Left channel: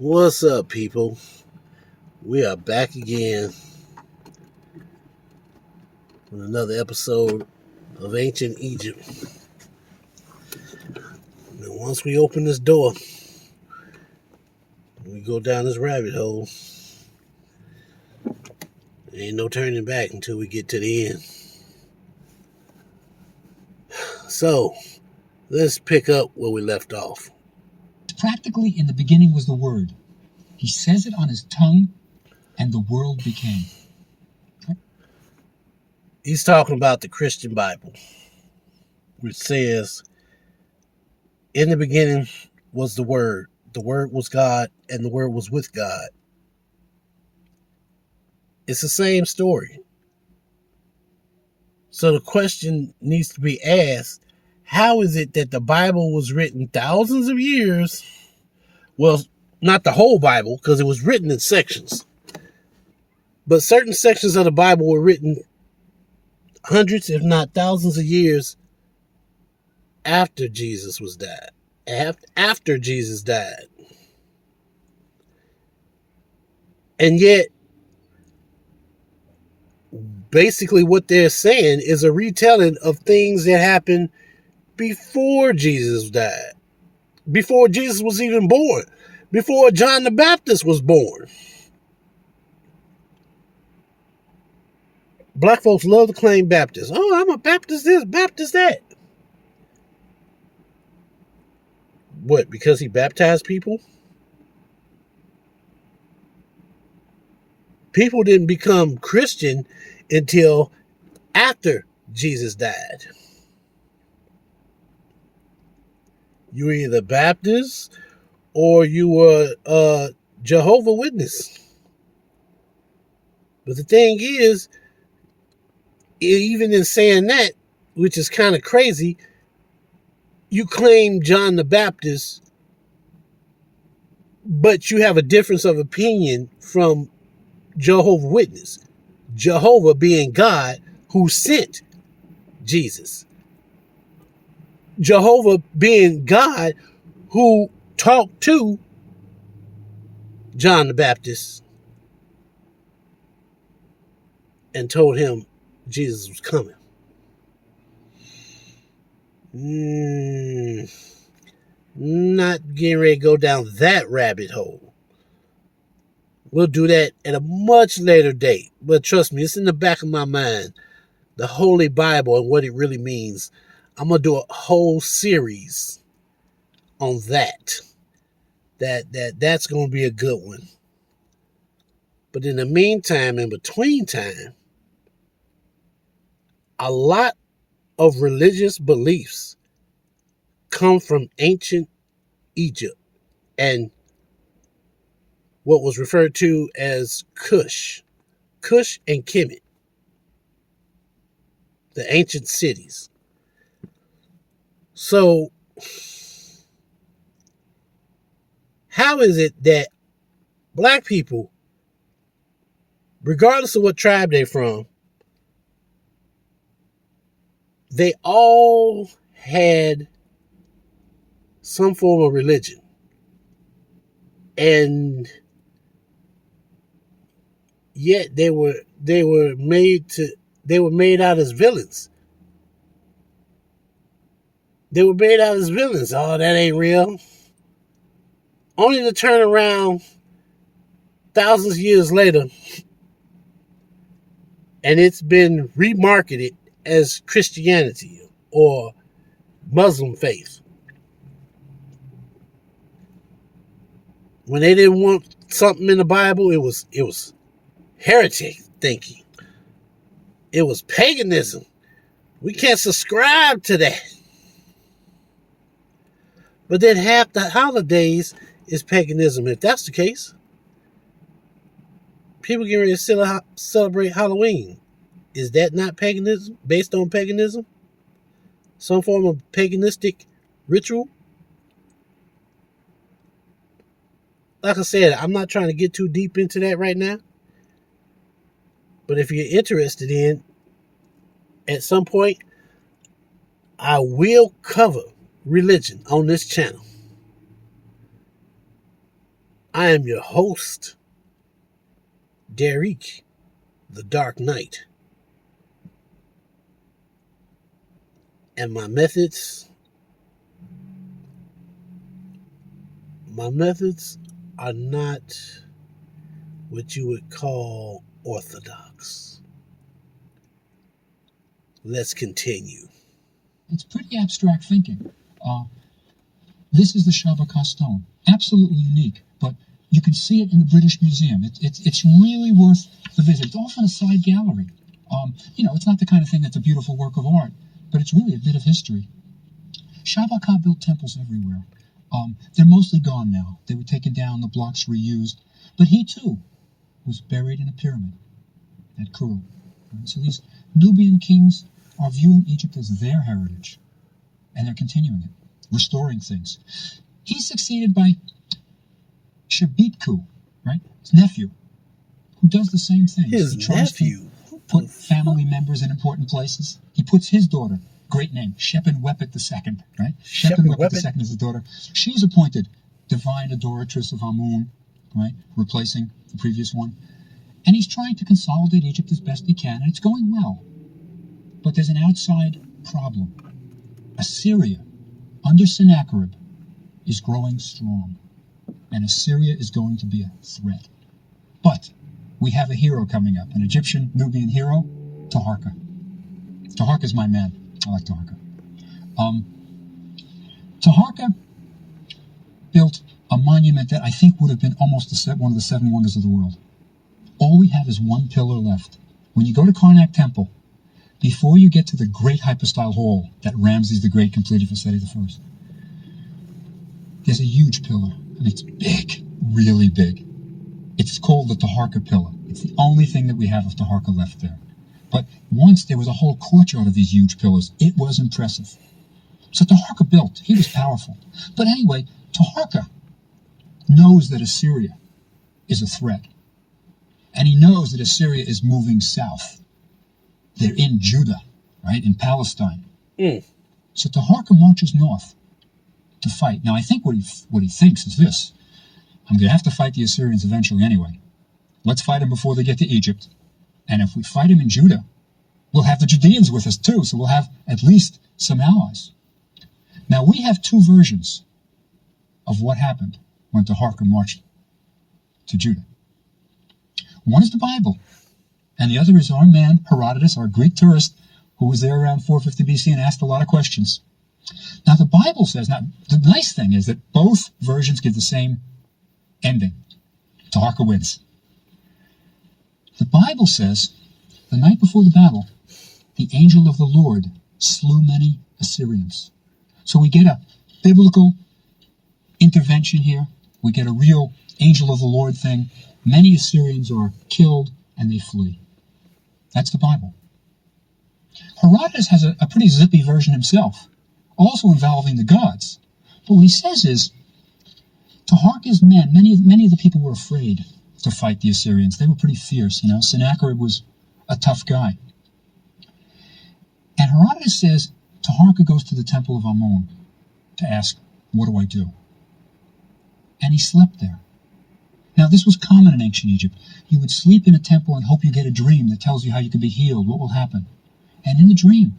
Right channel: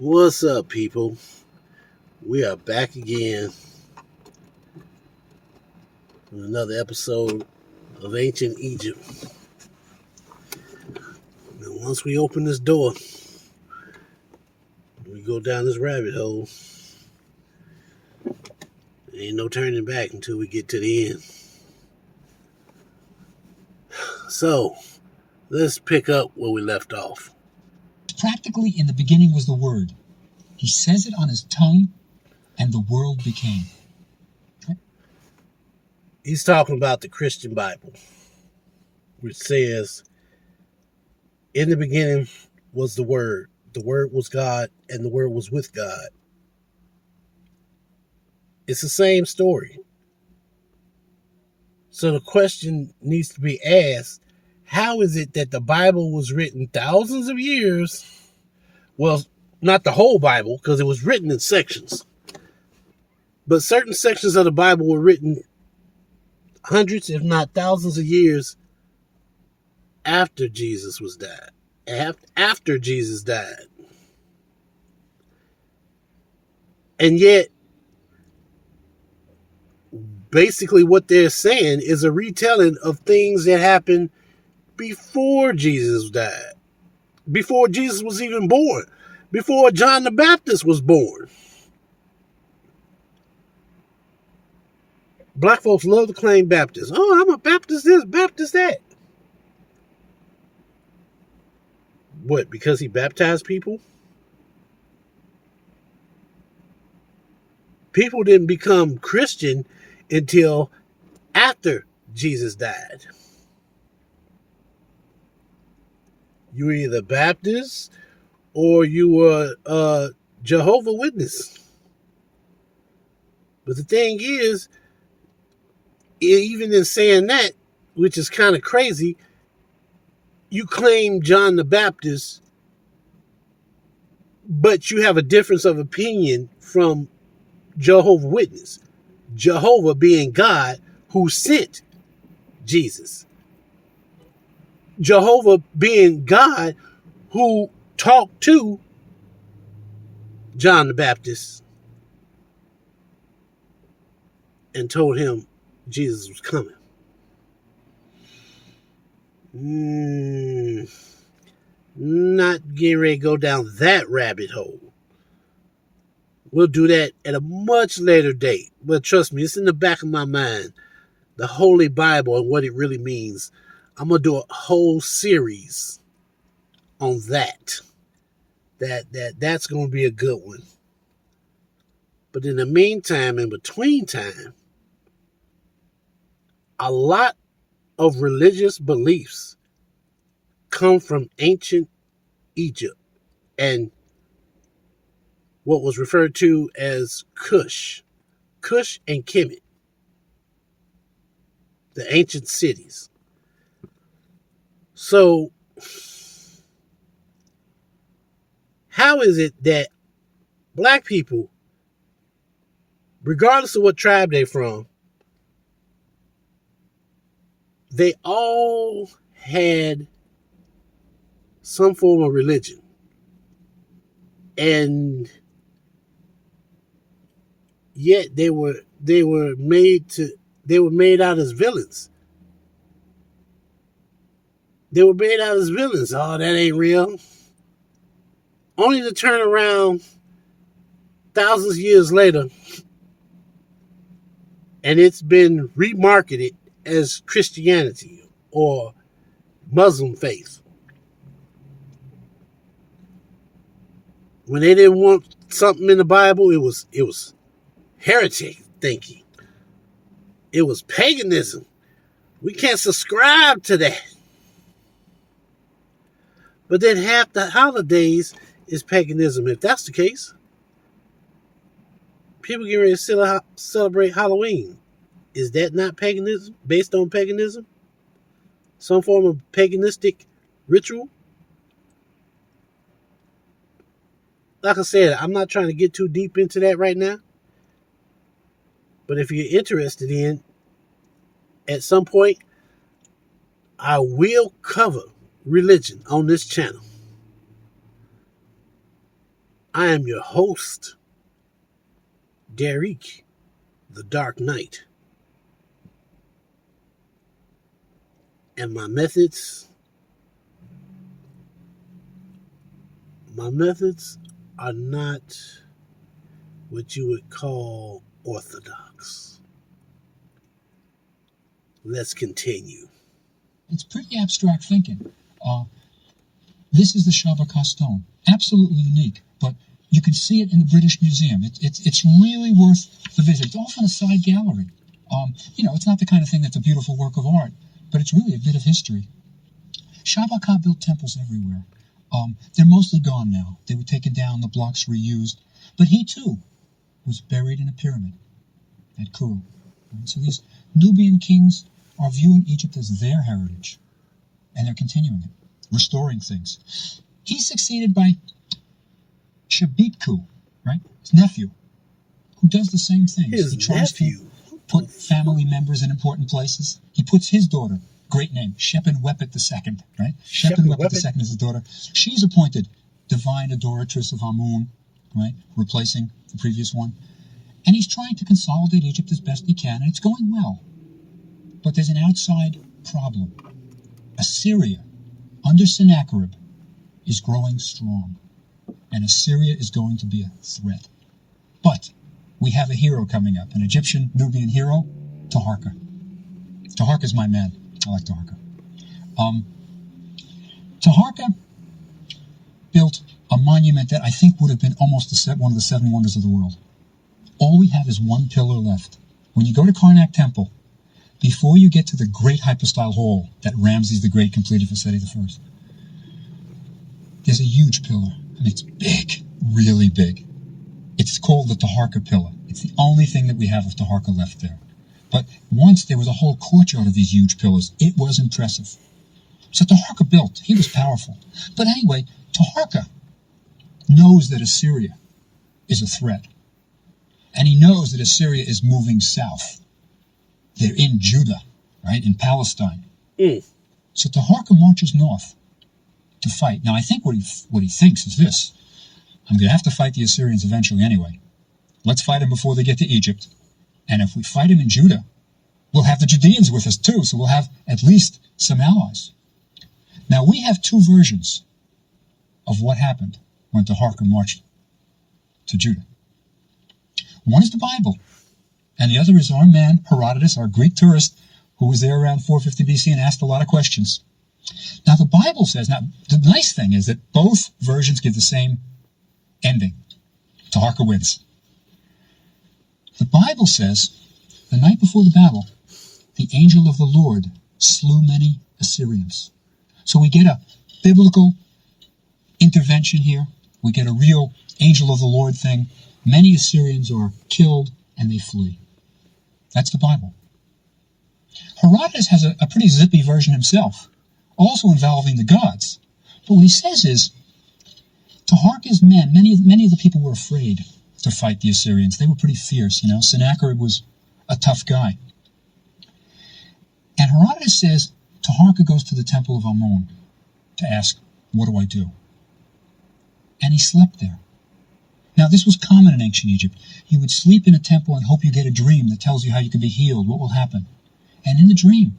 What's up, people? We are back again with another episode of Ancient Egypt. And once we open this door, we go down this rabbit hole. There ain't no turning back until we get to the end. So, let's pick up where we left off. Practically, in the beginning was the Word. He says it on his tongue, and the world became. He's talking about the Christian Bible, which says, in the beginning was the Word was God, and the Word was with God. It's the same story. So the question needs to be asked, how is it that the Bible was written thousands of years? Well, not the whole Bible, because it was written in sections. But certain sections of the Bible were written hundreds, if not thousands of years after Jesus was died. After Jesus died. And yet, basically what they're saying is a retelling of things that happened before Jesus died. Before Jesus was even born. Before John the Baptist was born. Black folks love to claim Baptist. Oh, I'm a Baptist this, Baptist that. What, because he baptized people? People didn't become Christian until after Jesus died. You were either Baptist or you were a Jehovah's Witness. But the thing is, even in saying that, which is kind of crazy, you claim John the Baptist, but you have a difference of opinion from Jehovah's Witness. Jehovah being God who sent Jesus. Jehovah being God who talked to John the Baptist and told him Jesus was coming. Not getting ready to go down that rabbit hole. We'll do that at a much later date. But trust me, it's in the back of my mind. The Holy Bible and what it really means. I'm going to do a whole series on that. That's going to be a good one. But in the meantime, in between time, a lot of religious beliefs come from ancient Egypt and what was referred to as Cush and Kemet, the ancient cities. So, how is it that black people, regardless of what tribe they're from, they all had some form of religion? And yet they were made out as villains. They were made out as villains. Oh, that ain't real. Only to turn around thousands of years later and it's been remarketed as Christianity or Muslim faith. When they didn't want something in the Bible, it was heretic thinking. It was paganism. We can't subscribe to that. But then half the holidays is paganism. If that's the case, people get ready to celebrate Halloween. Is that not paganism? Based on paganism? Some form of paganistic ritual? Like I said, I'm not trying to get too deep into that right now. But if you're interested in, at some point, I will cover religion on this channel. I am your host, Derek, the Dark Knight. And my methods are not what you would call orthodox. Let's continue. It's pretty abstract thinking. This is the Shabaka stone. Absolutely unique, but you can see it in the British Museum. It's really worth the visit. It's off in a side gallery. It's not the kind of thing that's a beautiful work of art, but it's really a bit of history. Shabaka built temples everywhere. They're mostly gone now. They were taken down, the blocks reused. But he, too, was buried in a pyramid at Kuru. Right? So these Nubian kings are viewing Egypt as their heritage, and they're continuing it, restoring things. He's succeeded by Shabitku, right? His nephew, who does the same thing. His he tries nephew? to put family members in important places. He puts his daughter, great name, Shepenwepet II, right? Shepenwepet II is his daughter. She's appointed divine adoratress of Amun, right? Replacing the previous one. And he's trying to consolidate Egypt as best he can, and it's going well. But there's an outside problem. Assyria, under Sennacherib, is growing strong, and Assyria is going to be a threat. But we have a hero coming up, an Egyptian Nubian hero, Taharqa. Taharqa's my man. I like Taharqa. Taharqa built a monument that I think would have been almost one of the seven wonders of the world. All we have is one pillar left. When you go to Karnak Temple, before you get to the great hypostyle hall that Ramses the Great completed for Seti I, there's a huge pillar, and it's big, really big. It's called the Taharqa pillar. It's the only thing that we have of Taharqa left there. But once there was a whole courtyard of these huge pillars. It was impressive. So Taharqa built. He was powerful. But anyway, Taharqa knows that Assyria is a threat. And he knows that Assyria is moving south. They're in Judah, right, in Palestine. So Taharqa marches north to fight. Now, I think what he thinks is this. I'm going to have to fight the Assyrians eventually anyway. Let's fight them before they get to Egypt. And if we fight them in Judah, we'll have the Judeans with us too, so we'll have at least some allies. Now, we have two versions of what happened when Taharqa marched to Judah. One is the Bible, and the other is our man, Herodotus, our Greek tourist, who was there around 450 BC and asked a lot of questions. Now, the Bible says, now, the nice thing is that both versions give the same ending. Taharqa wins. The Bible says, the night before the battle, the angel of the Lord slew many Assyrians. So we get a biblical intervention here. We get a real angel of the Lord thing. Many Assyrians are killed and they flee. That's the Bible. Herodotus has a pretty zippy version himself, also involving the gods. But what he says is, Taharqa's men, many of the people were afraid to fight the Assyrians. They were pretty fierce, Sennacherib was a tough guy. And Herodotus says, Taharqa goes to the temple of Amun to ask, what do I do? And he slept there. Now, this was common in ancient Egypt. You would sleep in a temple and hope you get a dream that tells you how you can be healed, what will happen. And in the dream,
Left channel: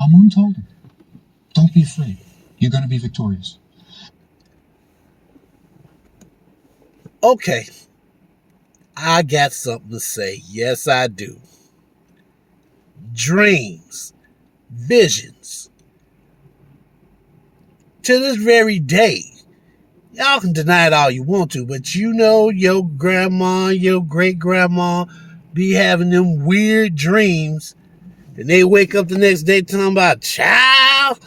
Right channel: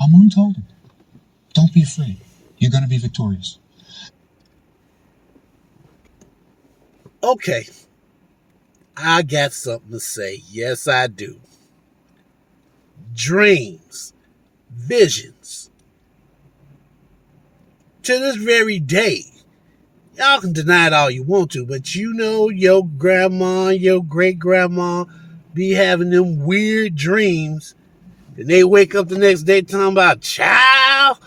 Amun told him, don't be afraid. You're going to be victorious. Okay. I got something to say. Yes, I do. Dreams, visions. To this very day, y'all can deny it all you want to, but your grandma, your great-grandma be having them weird dreams, and they wake up the next day talking about, child,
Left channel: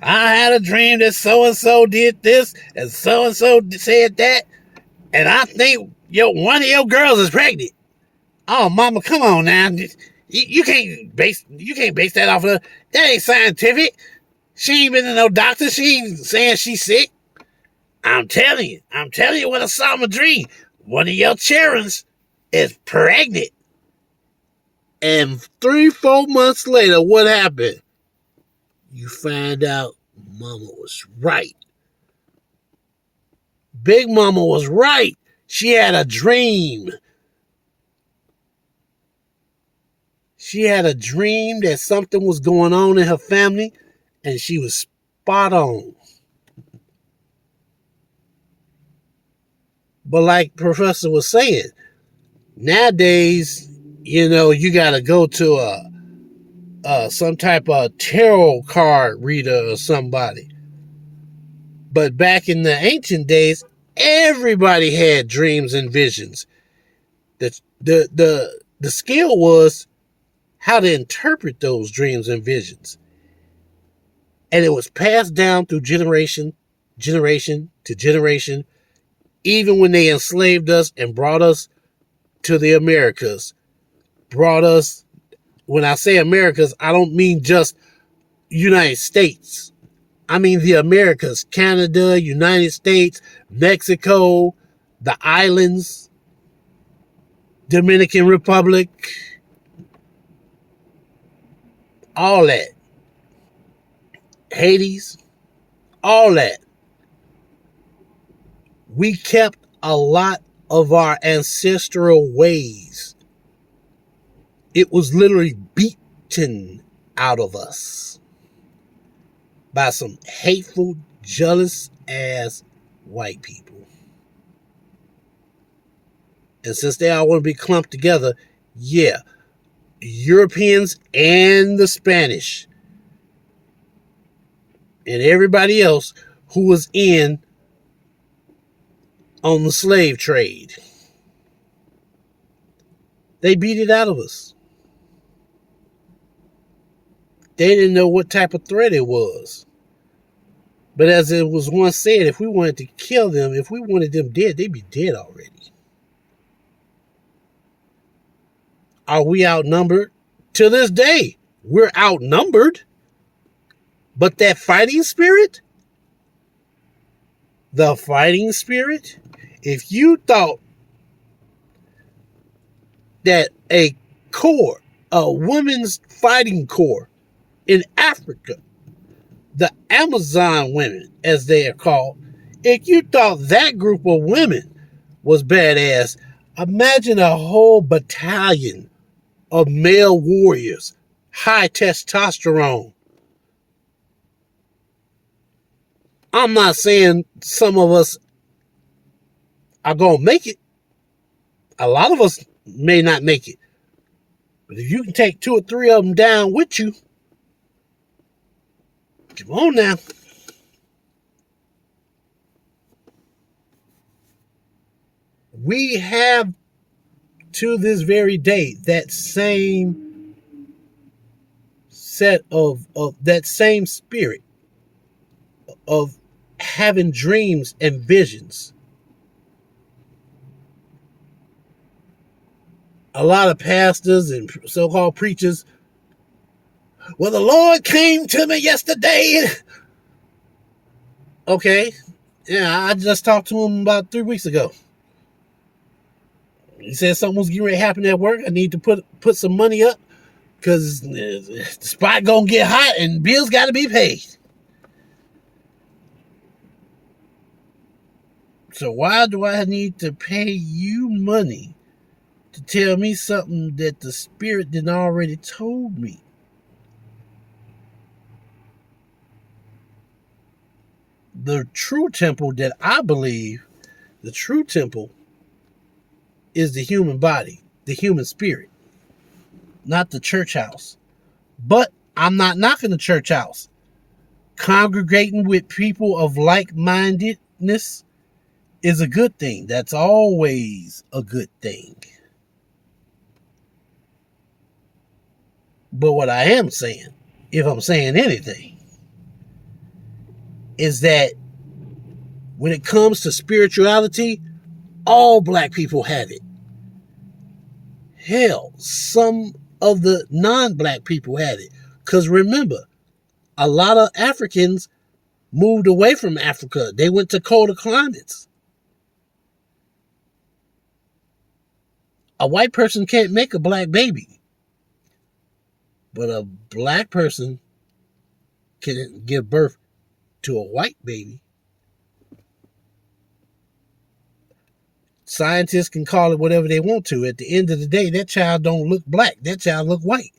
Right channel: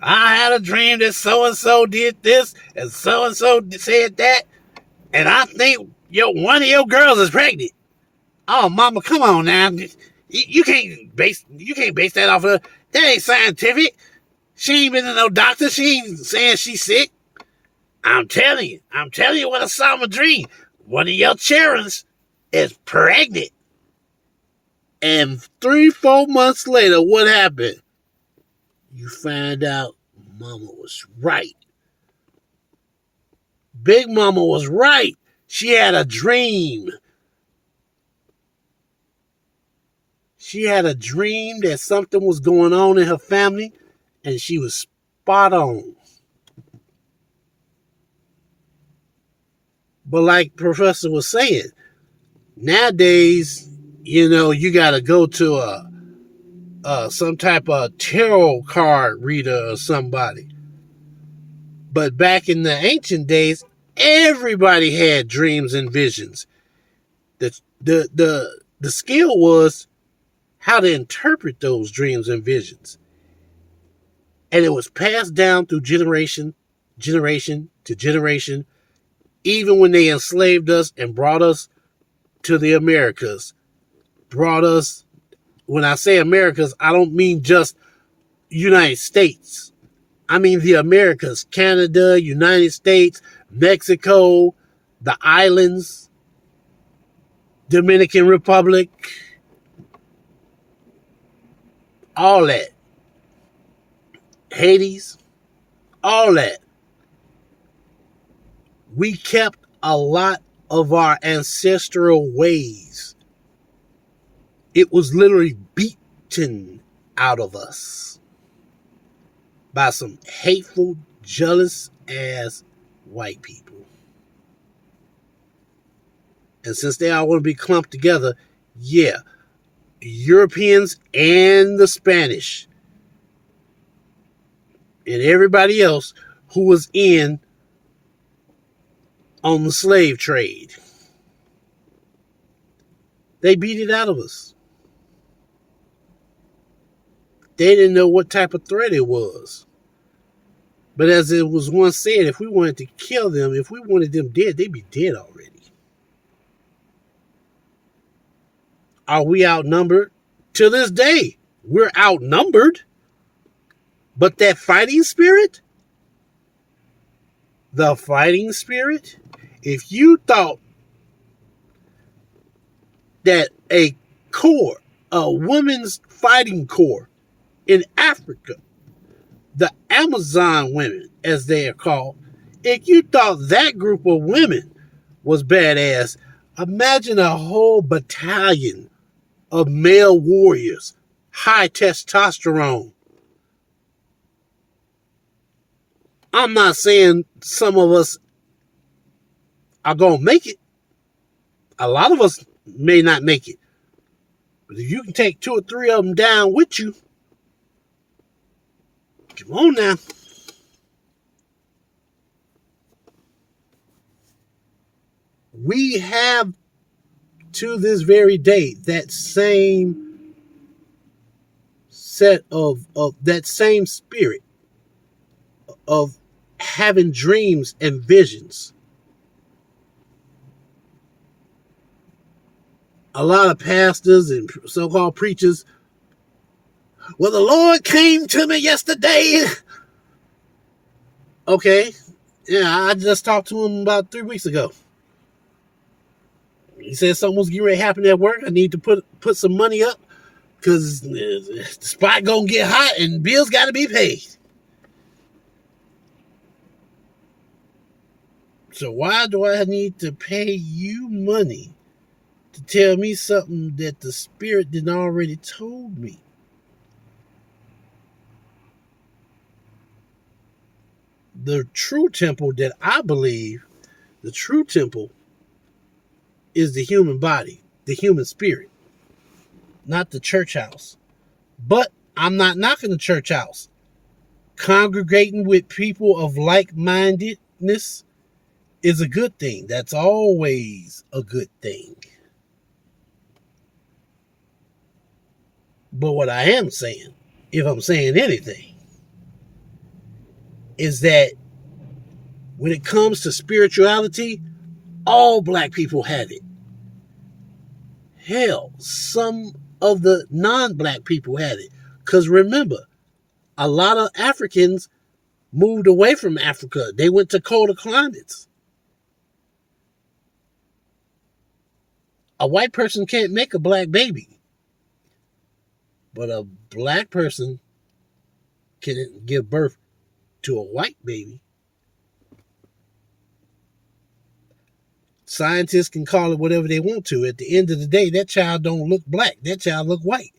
I had a dream that so-and-so did this, and so-and-so said that, and I think one of your girls is pregnant. Oh, mama, come on now. You can't base that off of that ain't scientific. She ain't been to no doctor. She ain't saying she's sick. I'm telling you what I saw in my dream. One of your children is pregnant. And 3-4 months later, what happened? You find out mama was right. Big Mama was right. She had a dream. She had a dream that something was going on in her family, and she was spot on. But like Professor was saying, nowadays, you got to go to some type of tarot card reader or somebody. But back in the ancient days, everybody had dreams and visions. The skill was how to interpret those dreams and visions. And it was passed down through generation to generation, even when they enslaved us and brought us to the Americas. Brought us, when I say Americas, I don't mean just United States. I mean the Americas, Canada, United States, Mexico, the islands, Dominican Republic, all that. Hades, all that. We kept a lot of our ancestral ways. It was literally beaten out of us by some hateful, jealous ass white people. And since they all want to be clumped together, yeah, Europeans and the Spanish and everybody else who was in on the slave trade, they beat it out of us. They didn't know what type of threat it was. But as it was once said, if we wanted to kill them, if we wanted them dead, they'd be dead already. Are we outnumbered? To this day, we're outnumbered. But that fighting spirit, if you thought that a women's fighting corps in Africa, the Amazon women, as they are called, if you thought that group of women was badass, imagine a whole battalion of male warriors, high testosterone. I'm not saying some of us are going to make it. A lot of us may not make it. But if you can take 2 or 3 of them down with you, come on now. We have, to this very day, that same set of that same spirit of having dreams and visions. A lot of pastors and so-called preachers, well, the Lord came to me yesterday. Okay. Yeah, I just talked to him about 3 weeks ago. He said something was getting ready to happen at work. I need to put some money up because the spot gonna get hot and bills got to be paid. So why do I need to pay you money to tell me something that the Spirit didn't already told me? The true temple that I believe, the true temple is the human body, the human spirit, not the church house. But I'm not knocking the church house. Congregating with people of like-mindedness is a good thing. That's always a good thing. But what I am saying, if I'm saying anything, is that when it comes to spirituality, all black people have it. Hell, some of the non-black people had it. Because remember, a lot of Africans moved away from Africa. They went to colder climates. A white person can't make a black baby. But a black person can give birth to a white baby. Scientists can call it whatever they want to. At the end of the day, that child don't look black. That child look white.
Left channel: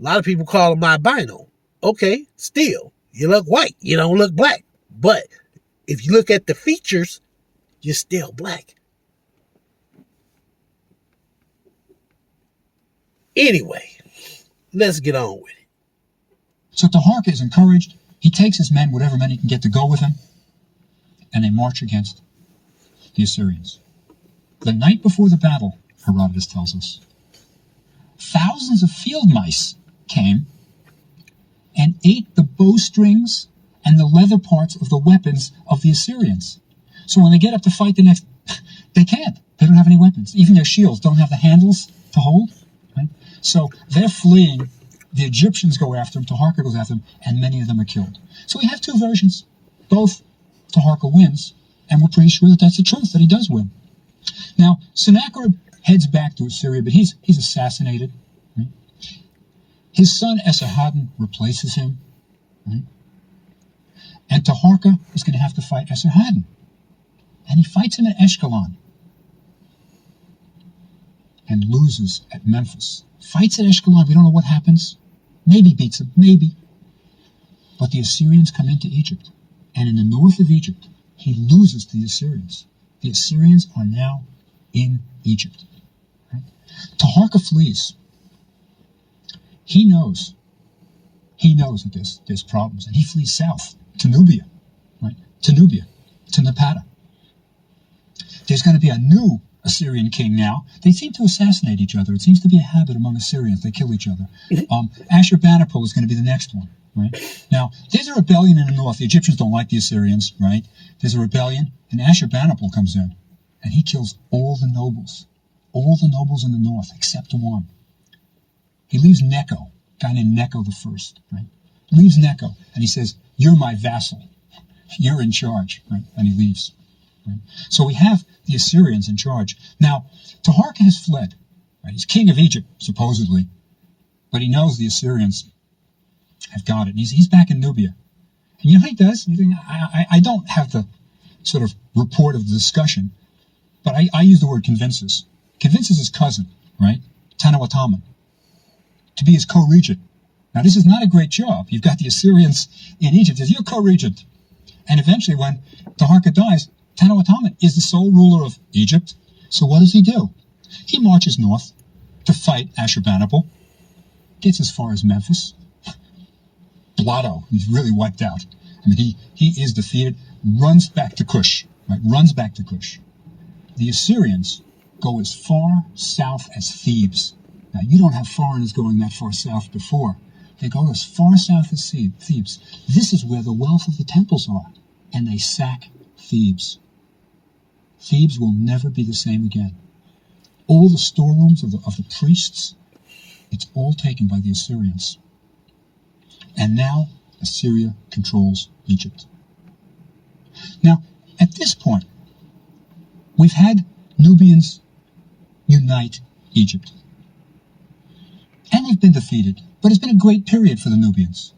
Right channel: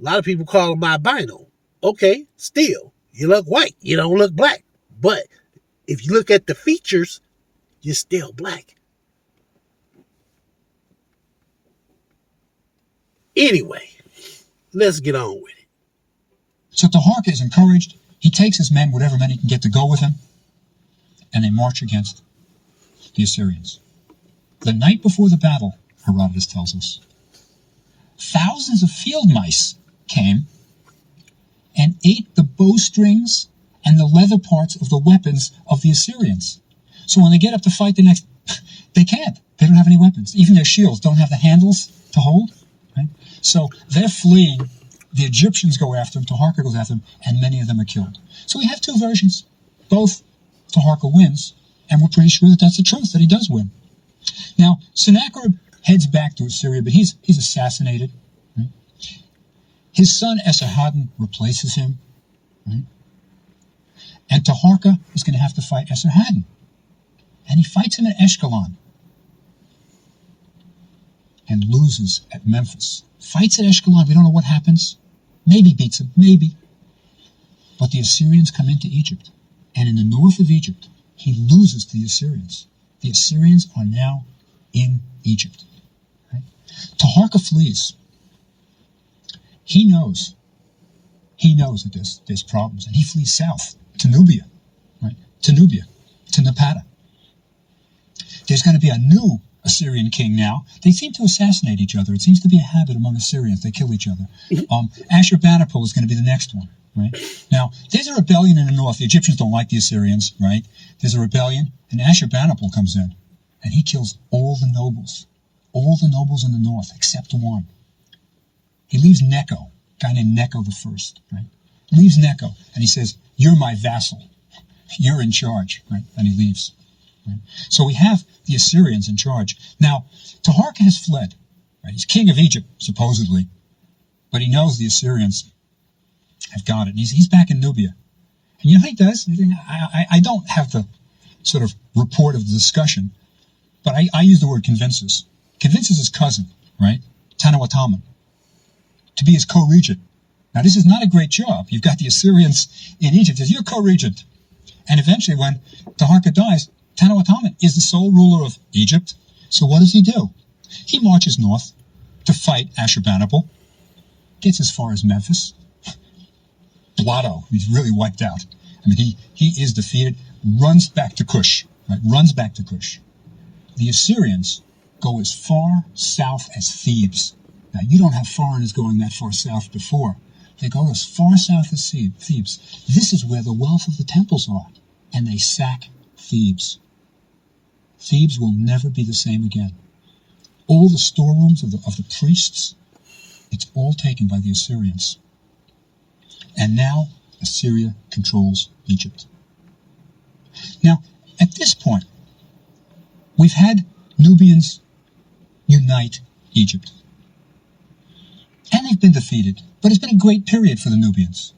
A lot of people call him albino. Okay, still, you look white. You don't look black. But if you look at the features, you're still black. Anyway, let's get on with it. So Taharka is encouraged. He takes his men, whatever men he can get to go with him, and they march against the Assyrians. The night before the battle, Herodotus tells us, thousands of field mice came and ate the bowstrings and the leather parts of the weapons of the Assyrians. So when they get up to fight the next, they can't. They don't have any weapons. Even their shields don't have the handles to hold. Right? So they're fleeing. The Egyptians go after them. Taharka goes after them, and many of them are killed. So we have two versions. Both Taharka wins, and we're pretty sure that that's the truth, that he does win. Now, Sennacherib heads back to Assyria, but he's assassinated. Right? His son Esarhaddon replaces him. Right? And Taharka is going to have to fight Esarhaddon. And he fights him at Ashkelon and loses at Memphis. Fights at Ashkelon, we don't know what happens. Maybe beats him, maybe. But the Assyrians come into Egypt. And in the north of Egypt, he loses to the Assyrians. The Assyrians are now in Egypt. Right? Taharka flees. He knows that there's problems, and he flees south to Nubia, right? To Napata. There's going to be a new Assyrian king now. They seem to assassinate each other. It seems to be a habit among Assyrians. They kill each other. Ashurbanipal is going to be the next one, right? Now, there's a rebellion in the north. The Egyptians don't like the Assyrians, right? There's a rebellion, and Ashurbanipal comes in, and he kills all the nobles in the north, except one. He leaves Necho, a guy named Necho the First, right? Leaves Necho, and he says, "You're my vassal. You're in charge," right? And he leaves. Right? So we have the Assyrians in charge. Now, Taharka has fled. Right? He's king of Egypt, supposedly, but he knows the Assyrians have got it. And he's back in Nubia. And you know what he does? I don't have the sort of report of the discussion, but I use the word convinces. Convinces his cousin, right, Tanawataman, to be his co-regent. Now, this is not a great job. You've got the Assyrians in Egypt. You're co-regent. And eventually, when Taharka dies, Tanawataman is the sole ruler of Egypt. So what does he do? He marches north to fight Ashurbanipal, gets as far as Memphis. Blotto, he's really wiped out. I mean, he is defeated, runs back to Cush, right? Runs back to Cush. The Assyrians go as far south as Thebes. Now, you don't have foreigners going that far south before. They go as far south as Thebes. This is where the wealth of the temples are. And they sack Thebes. Thebes will never be the same again. All the storerooms of the priests, it's all taken by the Assyrians. And now Assyria controls Egypt. Now, at this point, we've had Nubians unite Egypt. And they've been defeated, but it's been a great period for the Nubians.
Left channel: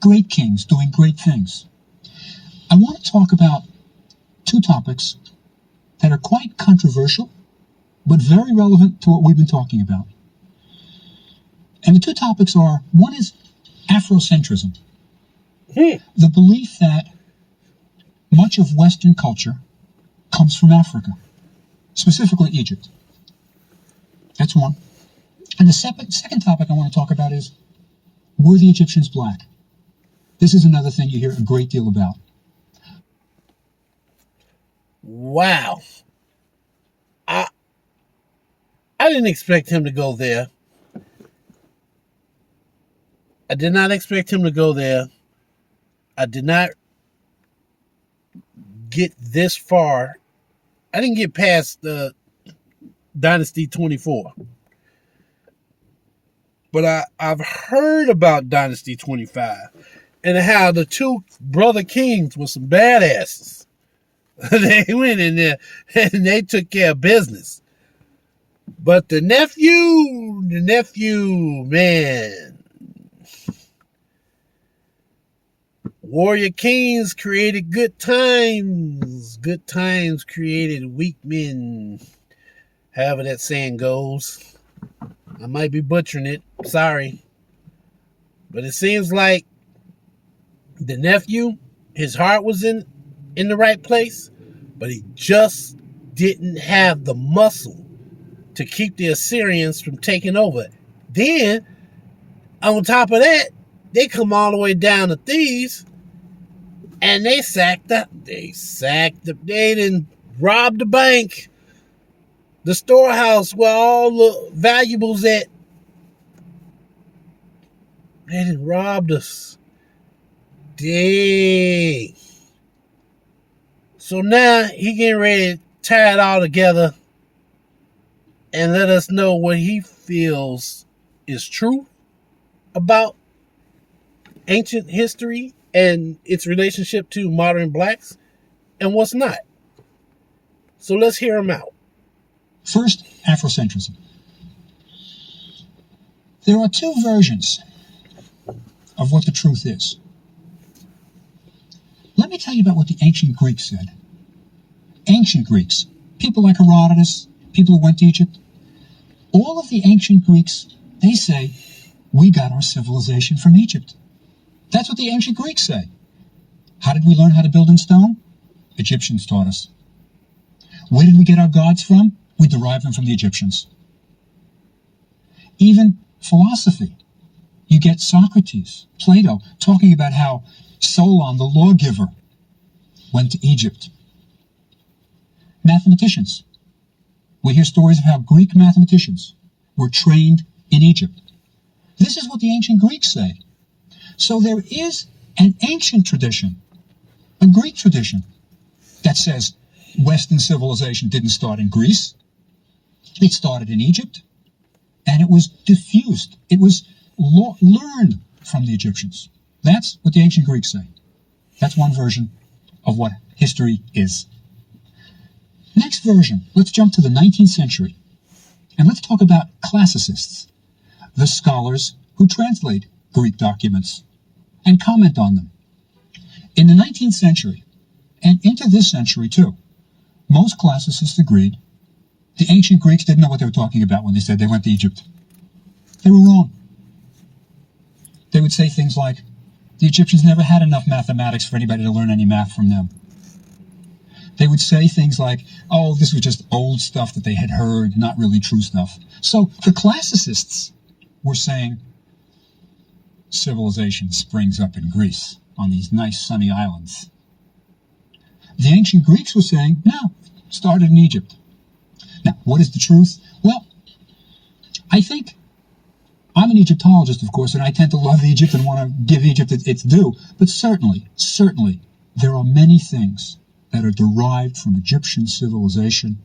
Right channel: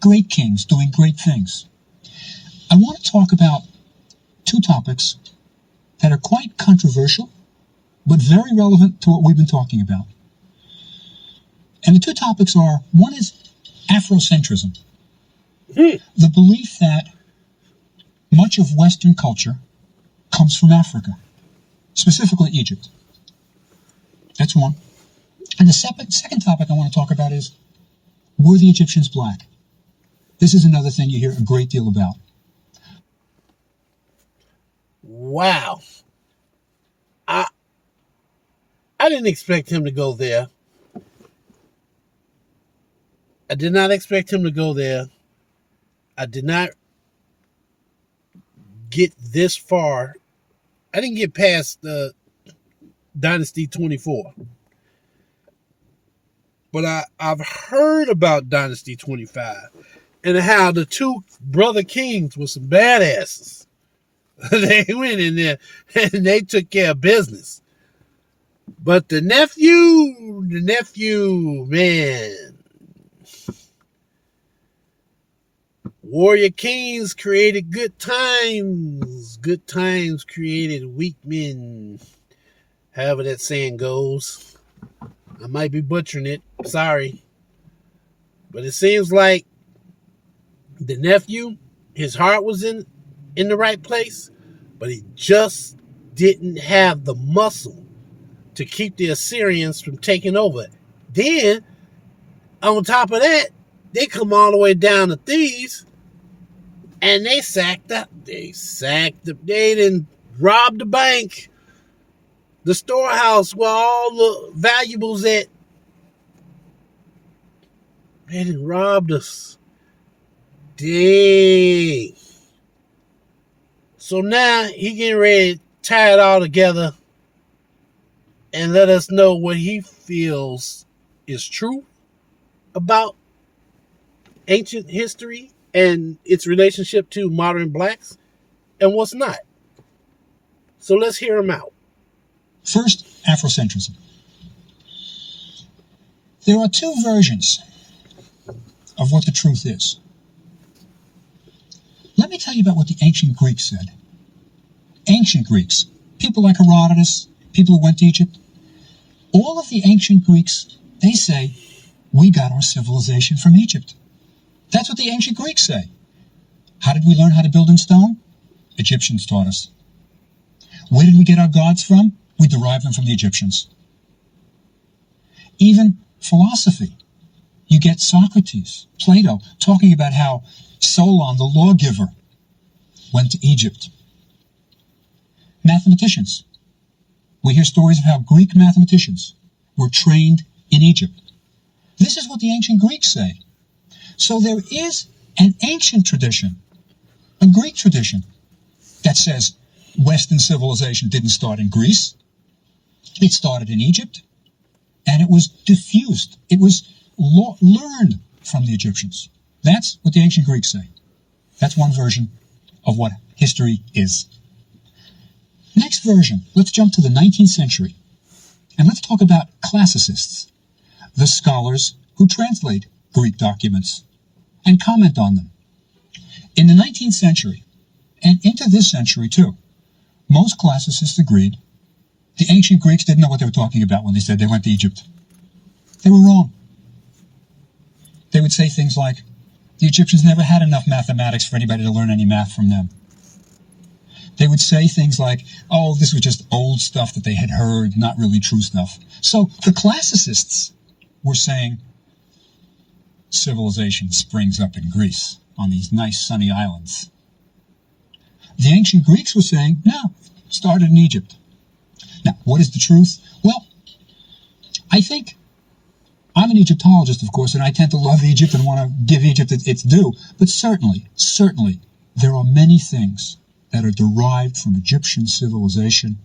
Great kings doing great things. I want to talk about two topics that are quite controversial, but very relevant to what we've been talking about. And the two topics are, one is Afrocentrism. The belief that much of Western culture comes from Africa, specifically Egypt. That's one. And the second topic I want to talk about is, were the Egyptians black? This is another thing you hear a great deal about. Wow. I didn't expect him to go there. I did not expect him to go there. I did not get this far. I didn't get past Dynasty 24. But I've heard about Dynasty 25 and how the two brother kings were some badasses. They went in there and they took care of business. But the nephew, man. Warrior kings created good times. Good times created weak men. However that saying goes. I might be butchering it. Sorry. But it seems like the nephew, his heart was in the right place, but he just didn't have the muscle to keep the Assyrians from taking over. Then, on top of that, they come all the way down to Thebes, and they didn't rob the bank, the storehouse where all the valuables at. They didn't rob us. Dang. So now he getting ready to tie it all together and let us know what he feels is true about ancient history and its relationship to modern blacks and what's not. So let's hear him out. First, Afrocentrism. There are two versions of what the truth is. Let me tell you about what the ancient Greeks said. Ancient Greeks, people like Herodotus, people who went to Egypt, all of the ancient Greeks, they say, we got our civilization from Egypt. That's what the ancient Greeks say. How did we learn how to build in stone? Egyptians taught us. Where did we get our gods from? We derived them from the Egyptians. Even philosophy. You get Socrates, Plato, talking about how Solon, the lawgiver, went to Egypt. Mathematicians. We hear stories of how Greek mathematicians were trained in Egypt. This is what the ancient Greeks say. So there is an ancient tradition, a Greek tradition, that says Western civilization didn't start in Greece. It started in Egypt, and it was diffused. It was learned from the Egyptians. That's what the ancient Greeks say. That's one version of what history is. Next version, let's jump to the 19th century, and let's talk about classicists, the scholars who translate Greek documents and comment on them. In the 19th century, and into this century too, most classicists agreed the ancient Greeks didn't know what they were talking about when they said they went to Egypt. They were wrong. They would say things like, the Egyptians never had enough mathematics for anybody to learn any math from them. They would say things like, oh, this was just old stuff that they had heard, not really true stuff. So the classicists were saying civilization springs up in Greece on these nice sunny islands. The ancient Greeks were saying, no, started in Egypt. Now, what is the truth? Well, I think I'm an Egyptologist, of course, and I tend to love Egypt and want to give Egypt its due. But certainly, there are many things that are derived from Egyptian civilization,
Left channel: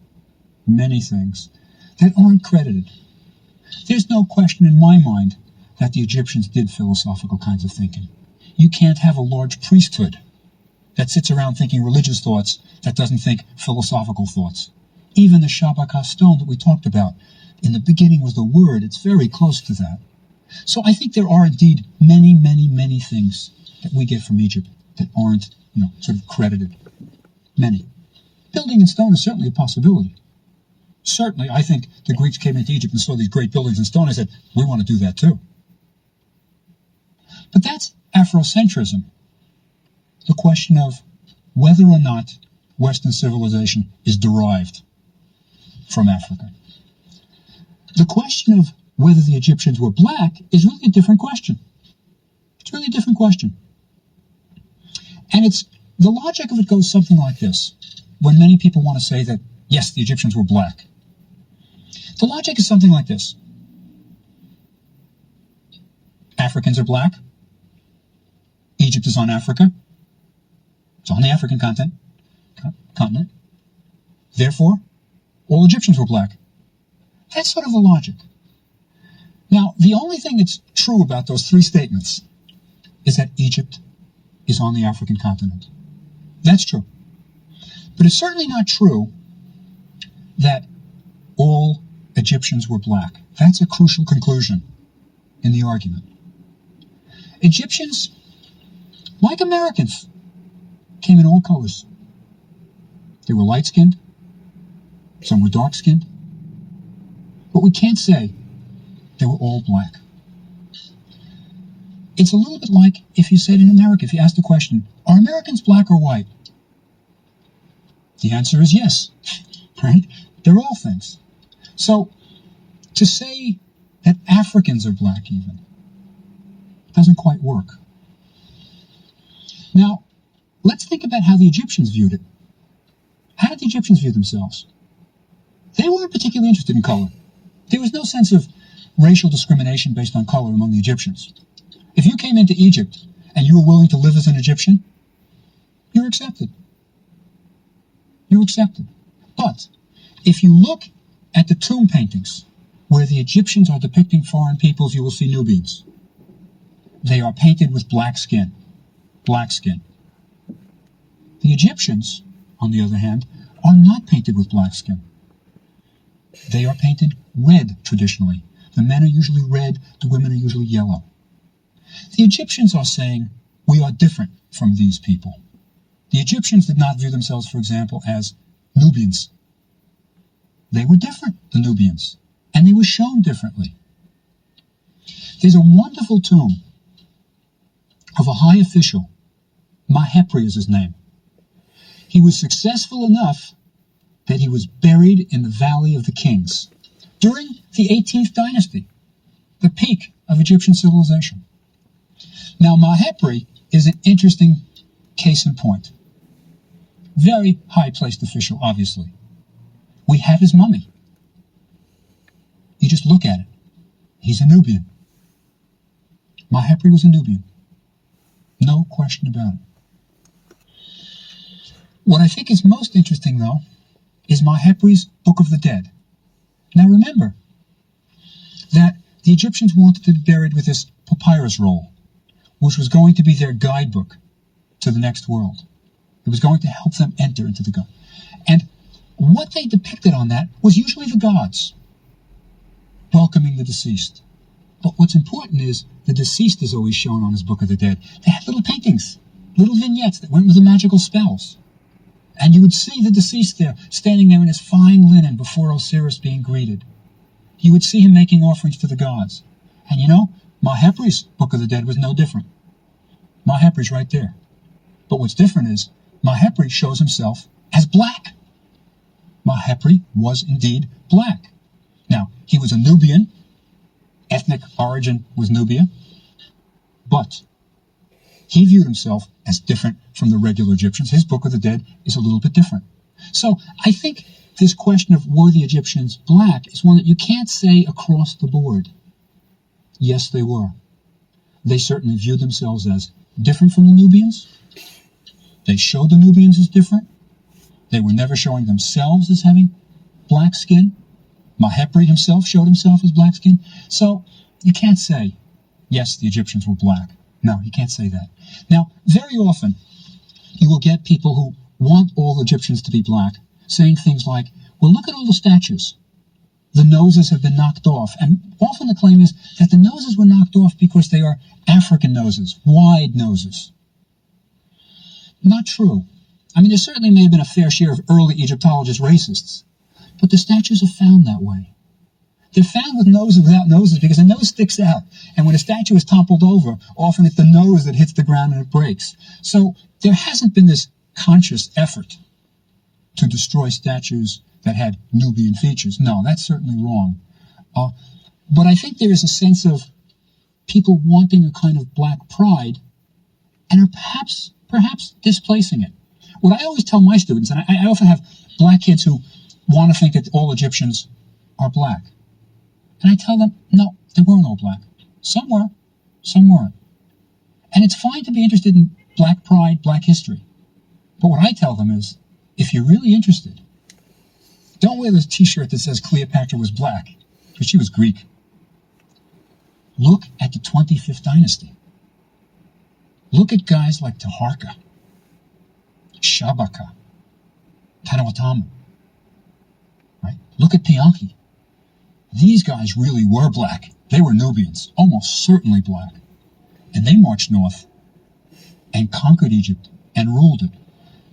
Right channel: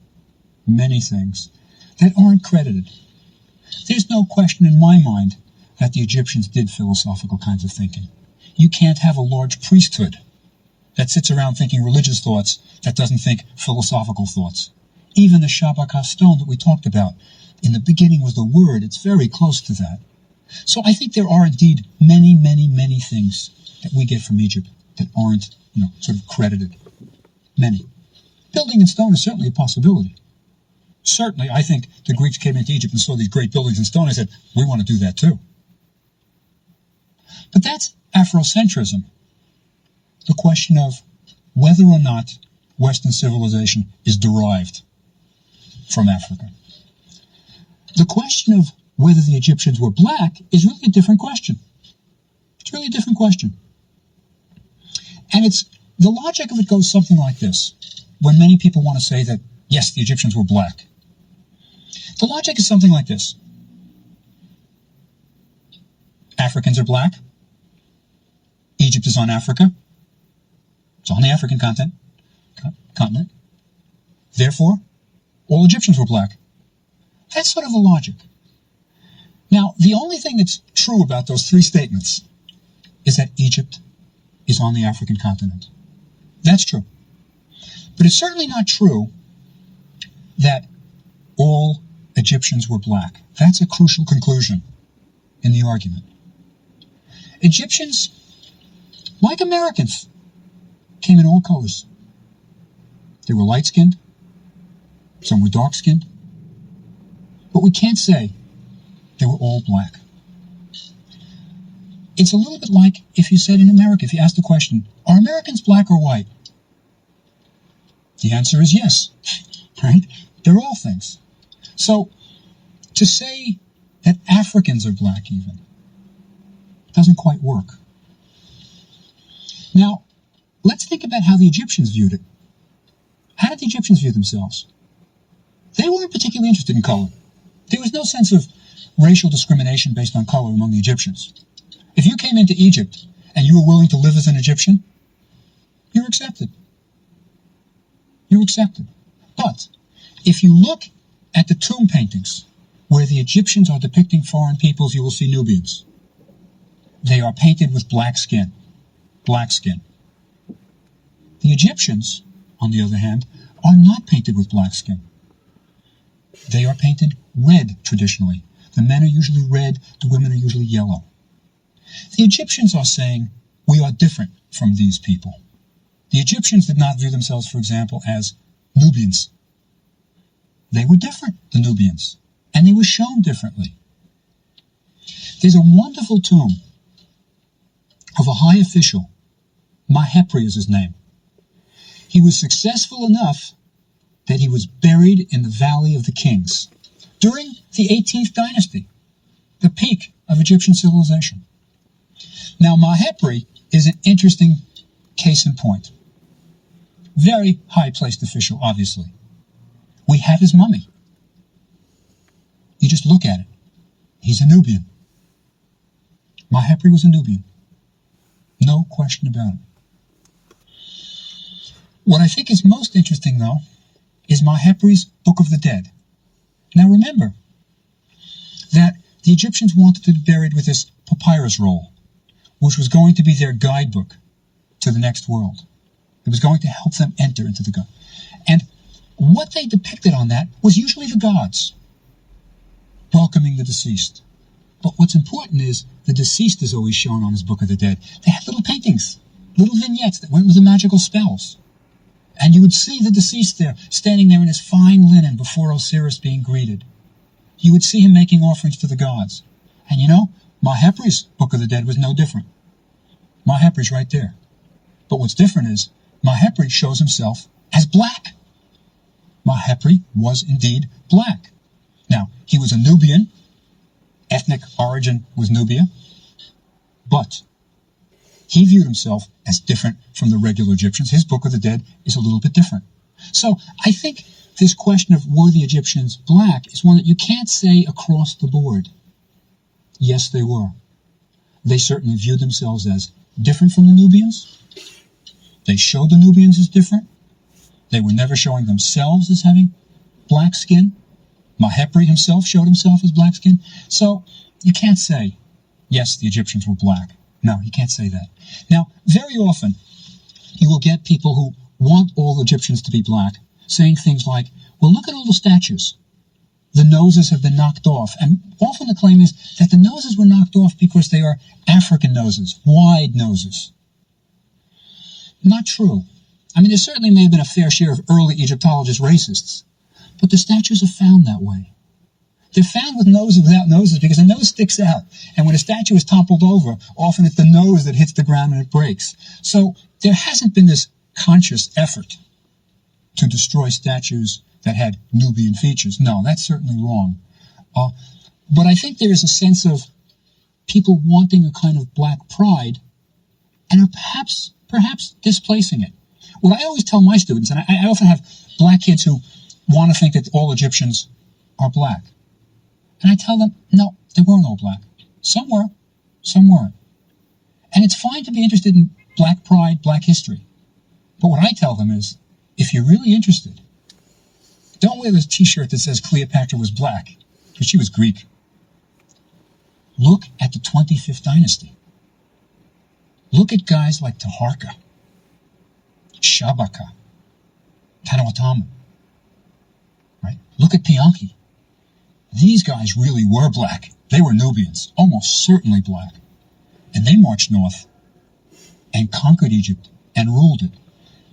many things, that aren't credited. There's no question in my mind that the Egyptians did philosophical kinds of thinking. You can't have a large priesthood that sits around thinking religious thoughts that doesn't think philosophical thoughts. Even the Shabaka stone that we talked about, in the beginning was the word, it's very close to that. So I think there are indeed many, many, many things that we get from Egypt that aren't, sort of credited. Many. Building in stone is certainly a possibility. Certainly, I think the Greeks came into Egypt and saw these great buildings in stone and said, we want to do that too. But that's Afrocentrism. The question of whether or not Western civilization is derived from Africa. The question of whether the Egyptians were black is really a different question. It's really a different question. And the logic of it goes something like this. When many people want to say that, yes, the Egyptians were black. The logic is something like this. Africans are black. Egypt is on Africa. It's on the African continent. Therefore, all Egyptians were black. That's sort of the logic. Now, the only thing that's true about those three statements is that Egypt is on the African continent. That's true. But it's certainly not true that all Egyptians were black. That's a crucial conclusion in the argument. Egyptians like Americans, came in all colors. They were light-skinned, some were dark-skinned, but we can't say they were all black. It's a little bit like if you said in America, if you asked the question, are Americans black or white? The answer is yes, right? They're all things. So to say that Africans are black even doesn't quite work. Now, let's think about how the Egyptians viewed it. How did the Egyptians view themselves? They weren't particularly interested in color. There was no sense of racial discrimination based on color among the Egyptians. If you came into Egypt and you were willing to live as an Egyptian, you were accepted. You were accepted. But if you look at the tomb paintings where the Egyptians are depicting foreign peoples, you will see Nubians. They are painted with black skin. Black skin. The Egyptians, on the other hand, are not painted with black skin. They are painted red traditionally. The men are usually red, the women are usually yellow. The Egyptians are saying, we are different from these people. The Egyptians did not view themselves, for example, as Nubians. They were different, the Nubians, and they were shown differently. There's a wonderful tomb of a high official. Mahepri is his name. He was successful enough that he was buried in the Valley of the Kings during the 18th dynasty, the peak of Egyptian civilization. Now, Mahepri is an interesting case in point. Very high-placed official, obviously. We have his mummy. You just look at it. He's a Nubian. Mahepri was a Nubian. No question about it. What I think is most interesting, though, is Mahepri's Book of the Dead. Now remember that the Egyptians wanted to be buried with this papyrus roll, which was going to be their guidebook to the next world. It was going to help them enter into the God. And what they depicted on that was usually the gods welcoming the deceased. But what's important is the deceased is always shown on his Book of the Dead. They had little paintings, little vignettes that went with the magical spells. And you would see the deceased there, standing there in his fine linen before Osiris being greeted. You would see him making offerings to the gods. And you know, Mahepri's Book of the Dead was no different. Mahepri's right there. But what's different is Mahepri shows himself as black. Mahepri was indeed black. Now, he was a Nubian. Ethnic origin was Nubia. But he viewed himself as different from the regular Egyptians. His Book of the Dead is a little bit different. So I think this question of were the Egyptians black is one that you can't say across the board. Yes, they were. They certainly viewed themselves as different from the Nubians. They showed the Nubians as different. They were never showing themselves as having black skin. Mahepri himself showed himself as black skin. So you can't say, yes, the Egyptians were black. No, you can't say that. Now, very often, you will get people who want all Egyptians to be black saying things like, well, look at all the statues. The noses have been knocked off. And often the claim is that the noses were knocked off because they are African noses, wide noses. Not true. I mean, there certainly may have been a fair share of early Egyptologists racists, but the statues are found that way. They're found with noses without noses because the nose sticks out. And when a statue is toppled over, often it's the nose that hits the ground and it breaks. So there hasn't been this conscious effort to destroy statues that had Nubian features. No, that's certainly wrong. But I think there is a sense of people wanting a kind of black pride and are perhaps displacing it. What I always tell my students, and I often have black kids who want to think that all Egyptians are black. And I tell them, no, they weren't all black. Some were, some weren't. And it's fine to be interested in black pride, black history. But what I tell them is, if you're really interested, don't wear this t-shirt that says Cleopatra was black, because she was Greek. Look at the 25th dynasty. Look at guys like Taharqa, Shabaka, Tanawatam. Right? Look at Tianki. These guys really were black. They were Nubians, almost certainly black. And they marched north. and conquered Egypt and ruled it.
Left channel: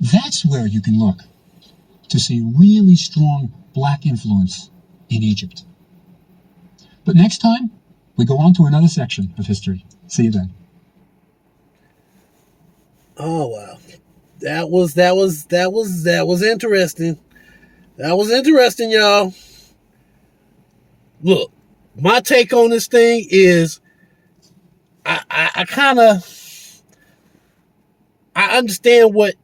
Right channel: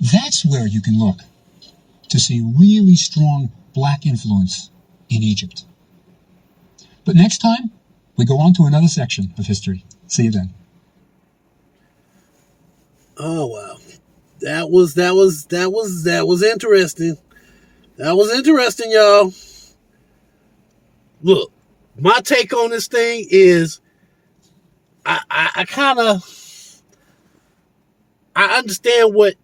That's where you can look to see really strong black influence in Egypt. But next time, we go on to another section of history. See you then. Oh wow. That was interesting. That was interesting, y'all. Look, my take on this thing is I understand what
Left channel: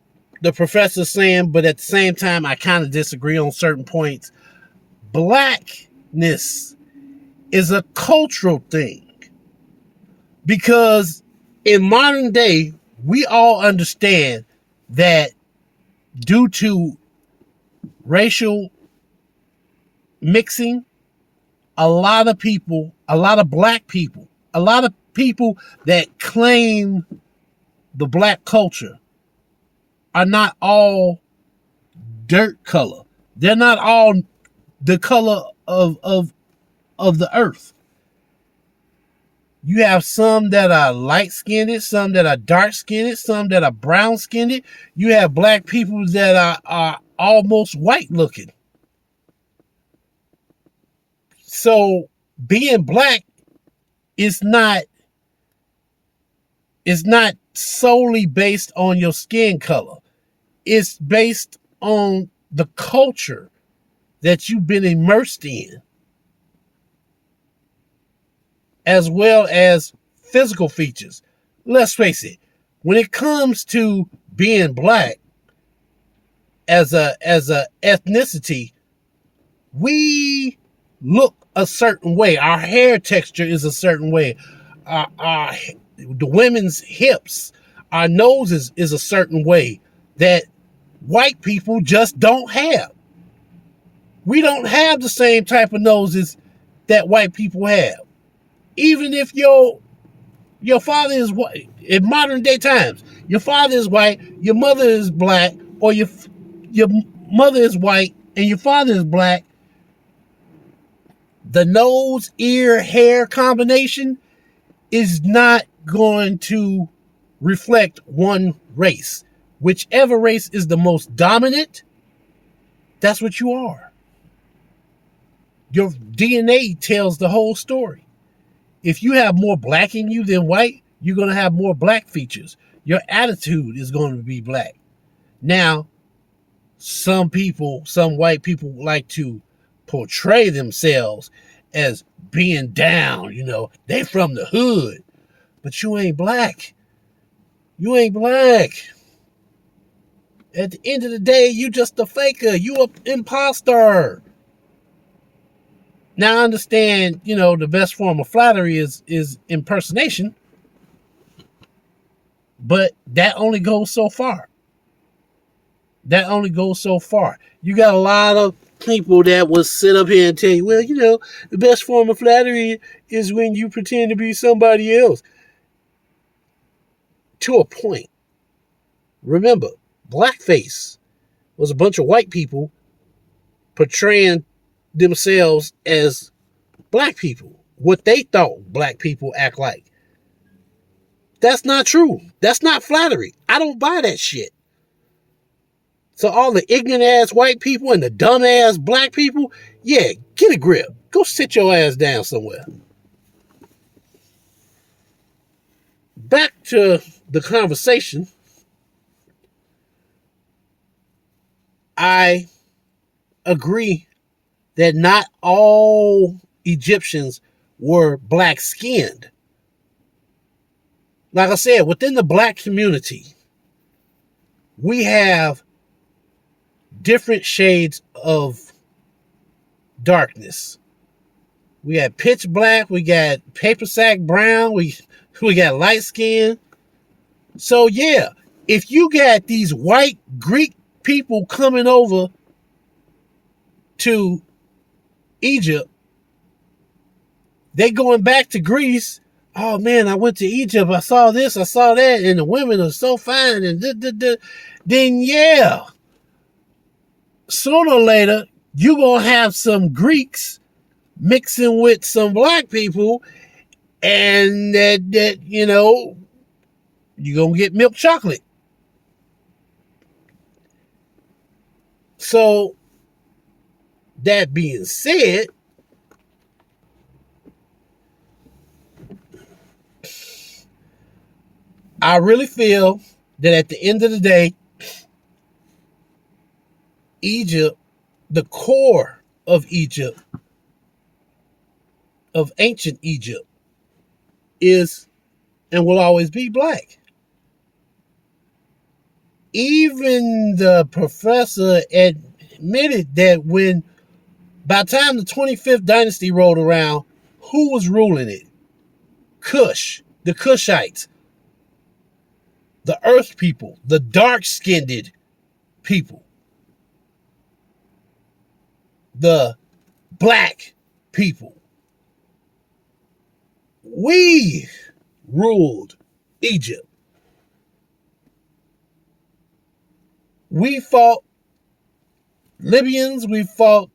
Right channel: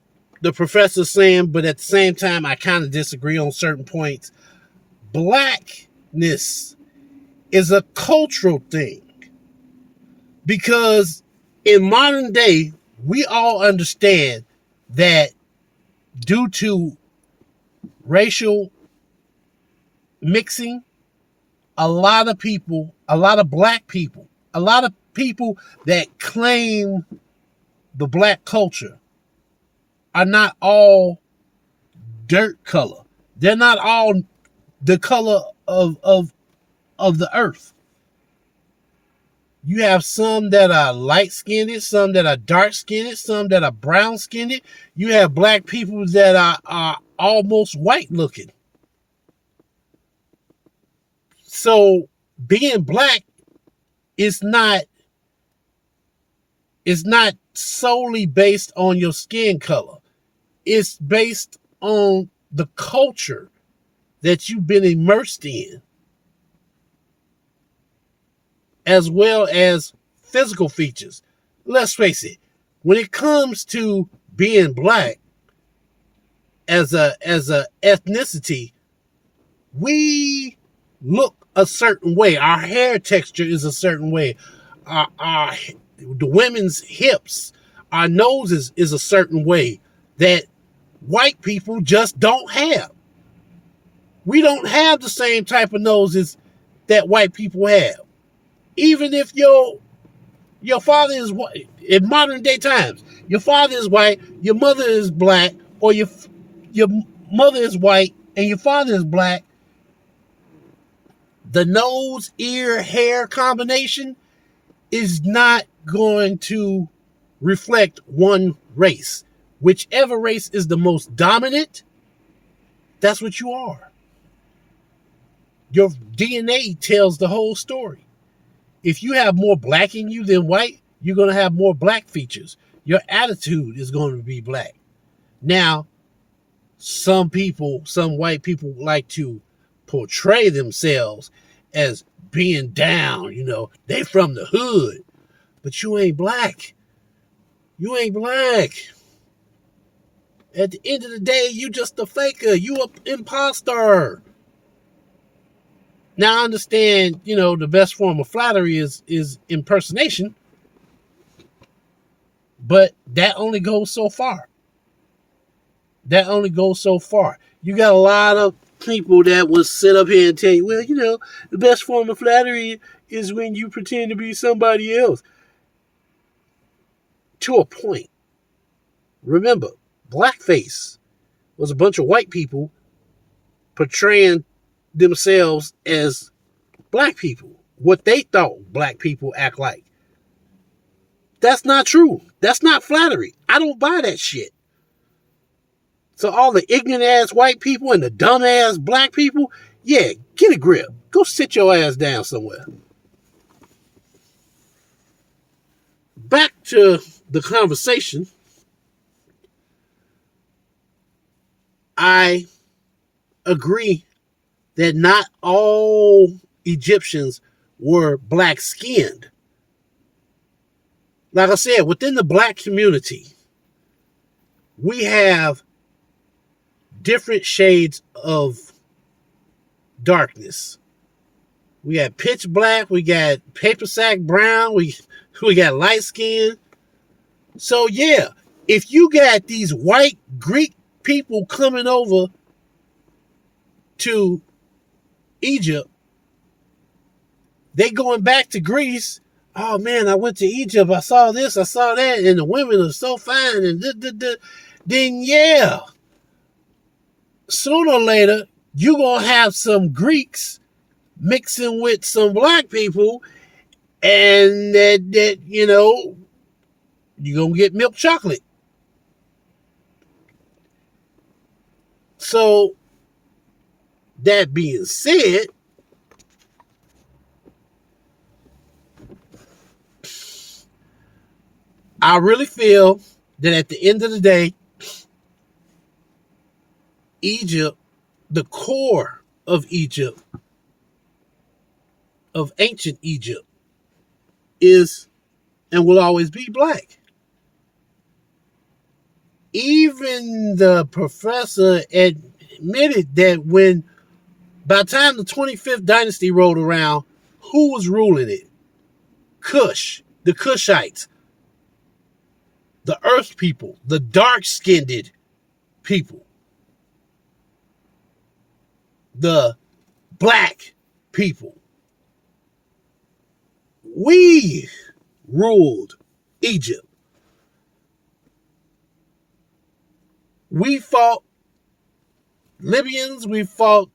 the professor's saying, but at the same time, I kind of disagree on certain points. Blackness is a cultural thing because in modern day, we all understand that due to racial mixing, a lot of black people, a lot of people that claim the black culture are not all dirt color. They're not all the color of the earth. You have some that are light-skinned, some that are dark-skinned, some that are brown-skinned. You have black people that are almost white-looking. So being black is not solely based on your skin color. It's based on the culture that you've been immersed in, as well as physical features. Let's face it, when it comes to being black as a ethnicity, we look a certain way. Our hair texture is a certain way. The women's hips, our noses is a certain way that white people just don't have. We don't have the same type of noses that white people have. Even if your father is white, in modern day times, your father is white, your mother is black, or your mother is white and your father is black, the nose, ear, hair combination is not going to reflect one race. Whichever race is the most dominant, that's what you are. Your DNA tells the whole story. If you have more black in you than white, you're going to have more black features. Your attitude is going to be black. Now, some white people like to portray themselves as being down, they from the hood. But you ain't black. You ain't black. At the end of the day, you just a faker. You an imposter. Now I understand, the best form of flattery is impersonation. But that only goes so far. That only goes so far. You got a lot of people that will sit up here and tell you, well, the best form of flattery is when you pretend to be somebody else. To a point. Remember, blackface was a bunch of white people portraying themselves as black people. What they thought black people act like. That's not true. That's not flattery. I don't buy that shit. So all the ignorant ass white people and the dumb ass black people, yeah, get a grip. Go sit your ass down somewhere. Back to the conversation. I agree that not all Egyptians were black skinned. Like I said, within the black community, we have different shades of darkness. We got pitch black, we got paper sack brown, we got light skin. So yeah, if you got these white Greek people coming over to Egypt, they going back to Greece. Oh man, I went to Egypt, I saw this, I saw that, and the women are so fine, and then yeah, sooner or later, you're going to have some Greeks mixing with some black people, and that you're going to get milk chocolate. So, that being said, I really feel that at the end of the day, Egypt, the core of Egypt, of ancient Egypt, is and will always be black. Even the professor admitted that by the time the 25th dynasty rolled around, who was ruling it? Kush, the Kushites, the earth people, the dark-skinned people, the black people. We ruled Egypt. We fought Libyans, we fought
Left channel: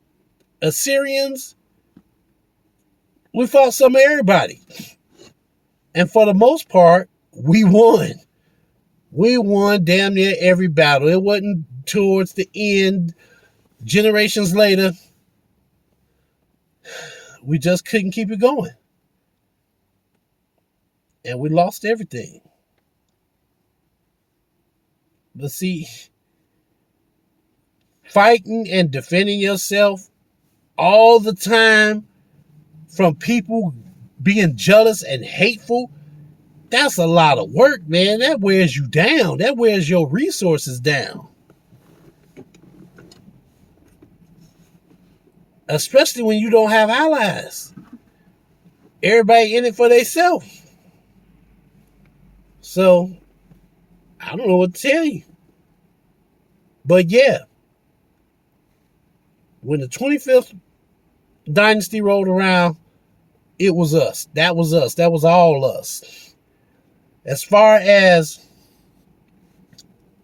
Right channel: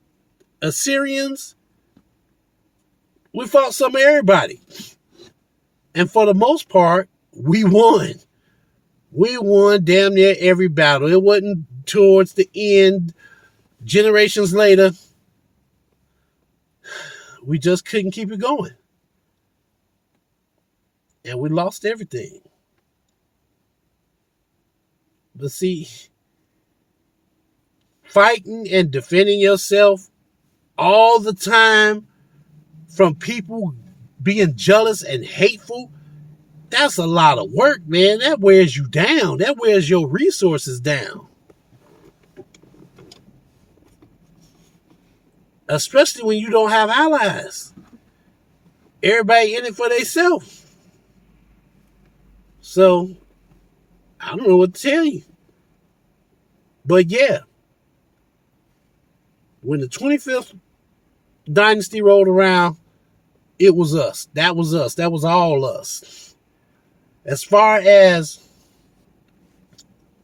Assyrians, we fought some of everybody. And for the most part, we won. We won damn near every battle. It wasn't towards the end, generations later, we just couldn't keep it going. And we lost everything. But see, fighting and defending yourself all the time from people being jealous and hateful, that's a lot of work, man. That wears you down. That wears your resources down. Especially when you don't have allies. Everybody in it for themselves. So, I don't know what to tell you. But yeah, when the 25th dynasty rolled around, it was us. That was us. That was all us. As far as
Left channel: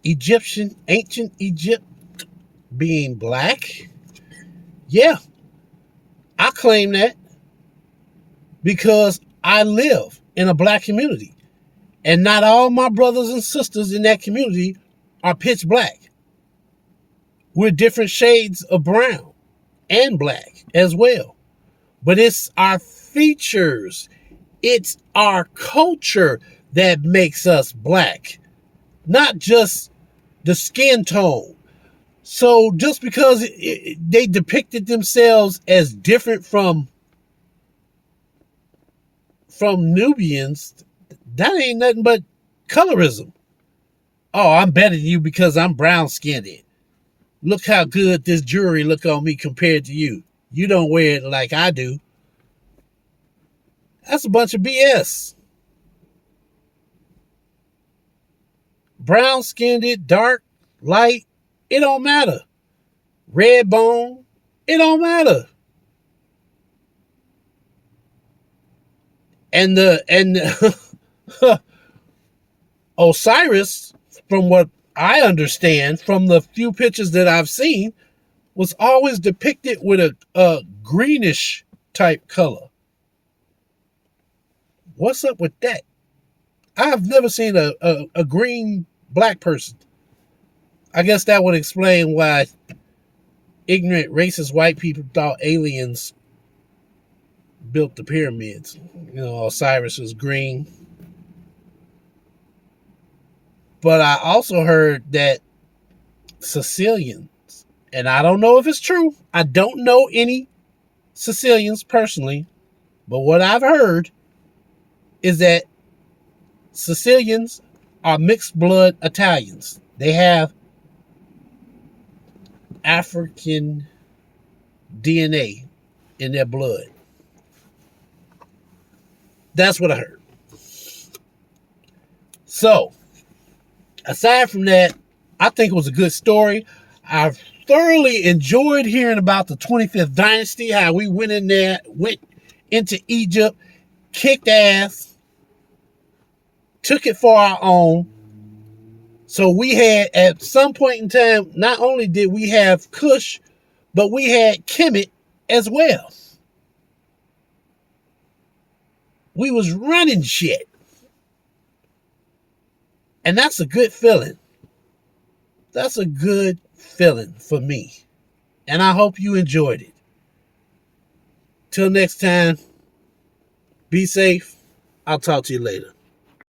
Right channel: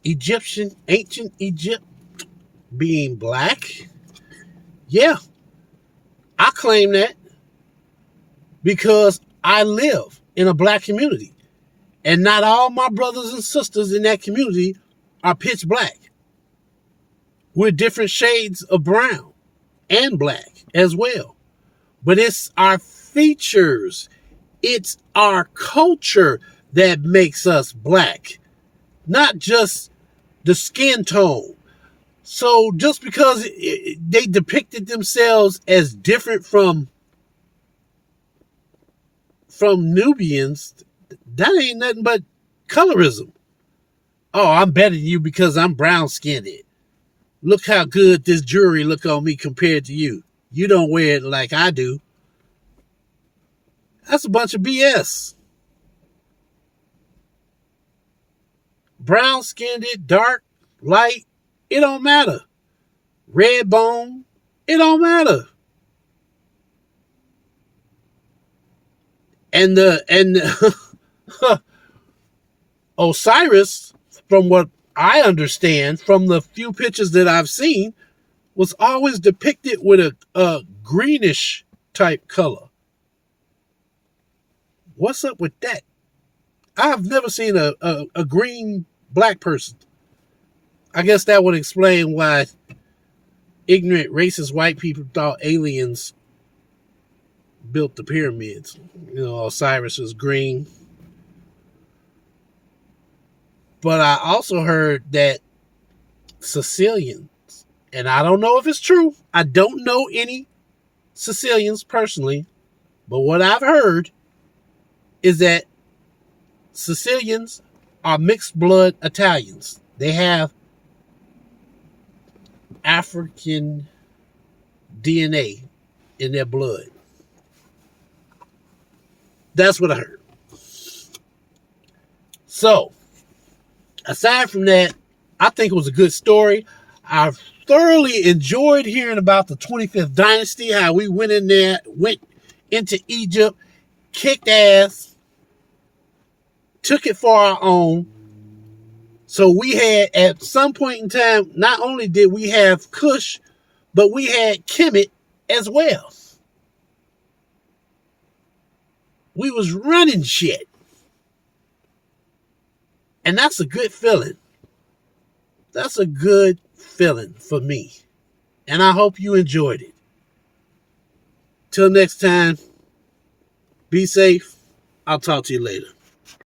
ancient Egypt being black, yeah, I claim that because I live in a black community. And not all my brothers and sisters in that community are pitch black. We're different shades of brown and black as well. But it's our features, it's our culture that makes us black, not just the skin tone. So just because they depicted themselves as different from Nubians, that ain't nothing but colorism. Oh, I'm better than you because I'm brown skinned. Look how good this jewelry look on me compared to you. You don't wear it like I do. That's a bunch of BS. Brown skinned, dark, light, it don't matter. Red bone, it don't matter. And Osiris, from what I understand, from the few pictures that I've seen, was always depicted with a greenish type color. What's up with that? I've never seen a green black person. I guess that would explain why ignorant, racist white people thought aliens built the pyramids. You know, Osiris was green. But I also heard that Sicilians, and I don't know if it's true. I don't know any Sicilians personally, but what I've heard is that Sicilians are mixed blood Italians. They have African DNA in their blood. That's what I heard. So, aside from that, I think it was a good story. I thoroughly enjoyed hearing about the 25th dynasty, how we went in there, went into Egypt, kicked ass, took it for our own. So we had, at some point in time, not only did we have Kush, but we had Kemet as well. We was running shit. And that's a good feeling. That's a good feeling for me. And I hope you enjoyed it. Till next time, be safe. I'll talk to you later.